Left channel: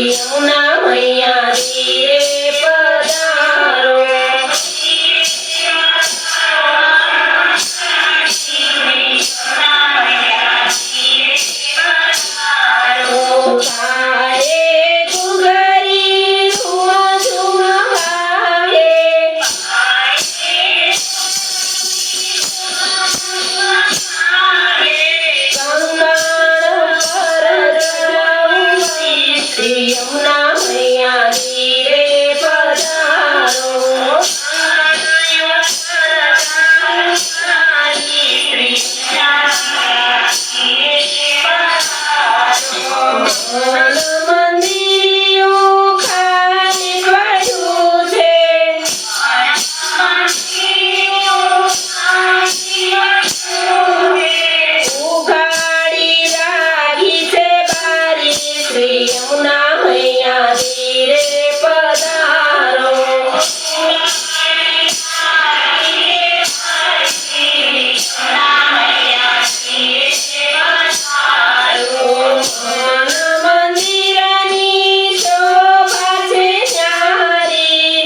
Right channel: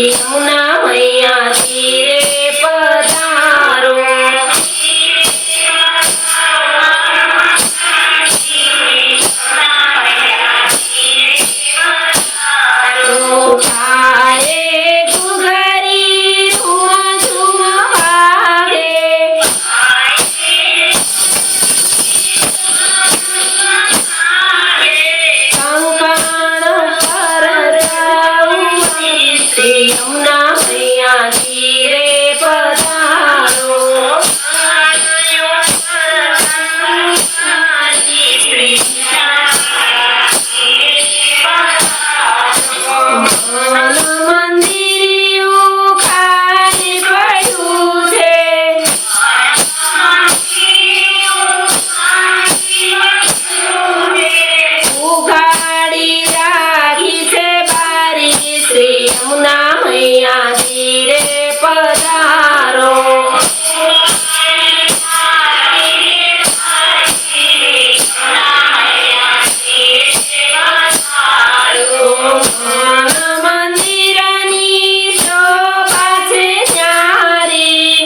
श्री यमुना मैया तीरे पधारो। आए घुघरी झूम झूम वागे, कंकण पर जाऊं श्री यमुना मैया तीरे पधारो। મંદિરિયું ખાલી પડ્યું છે, ઉઘાડી રાખી છે બારી શ્રી યમુના મૈયા તીરે પધારો। મંદિરની શોભા છે ન્યારી,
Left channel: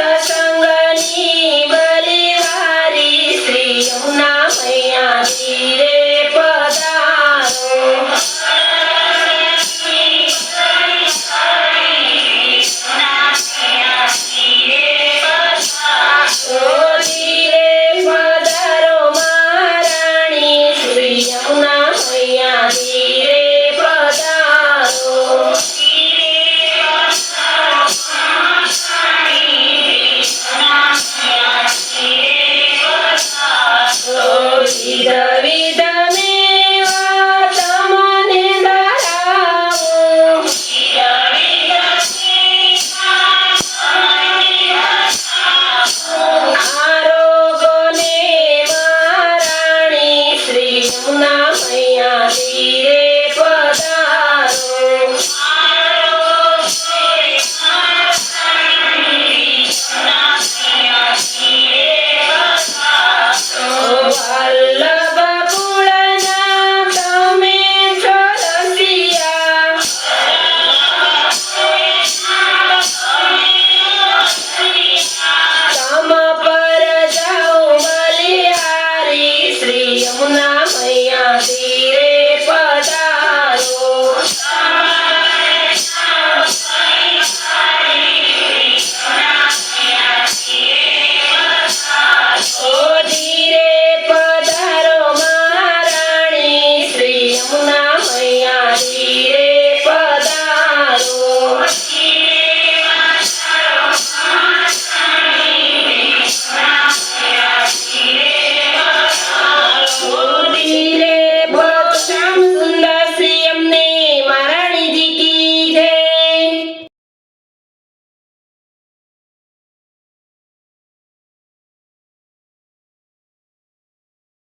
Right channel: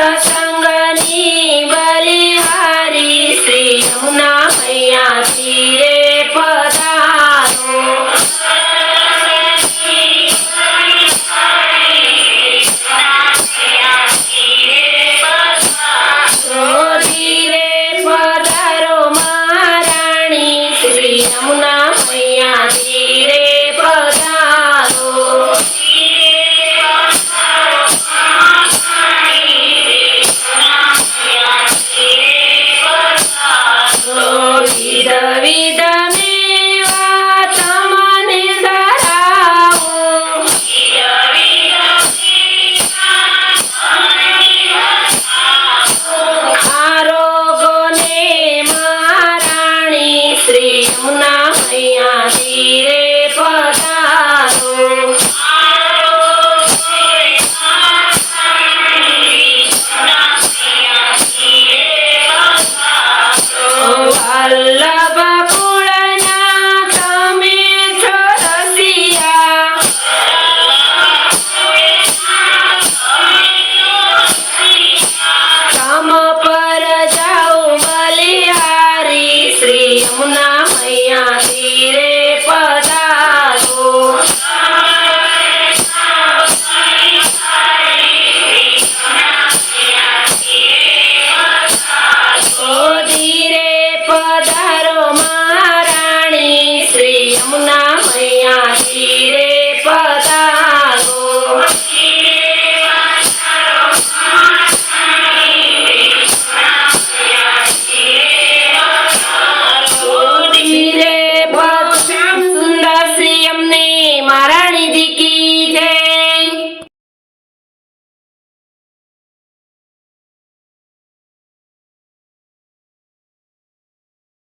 સત્સંગની બલિહારી શ્રી યમુના મૈયા તીરે પધારો। ધીરે પધારો મહારાણી શ્રી યમુના મૈયા તીરે પધારો। વિધ વિધ મેવા તમને ધરાવું, આરોગોને મહારાણી શ્રી યમુના મૈયા તીરે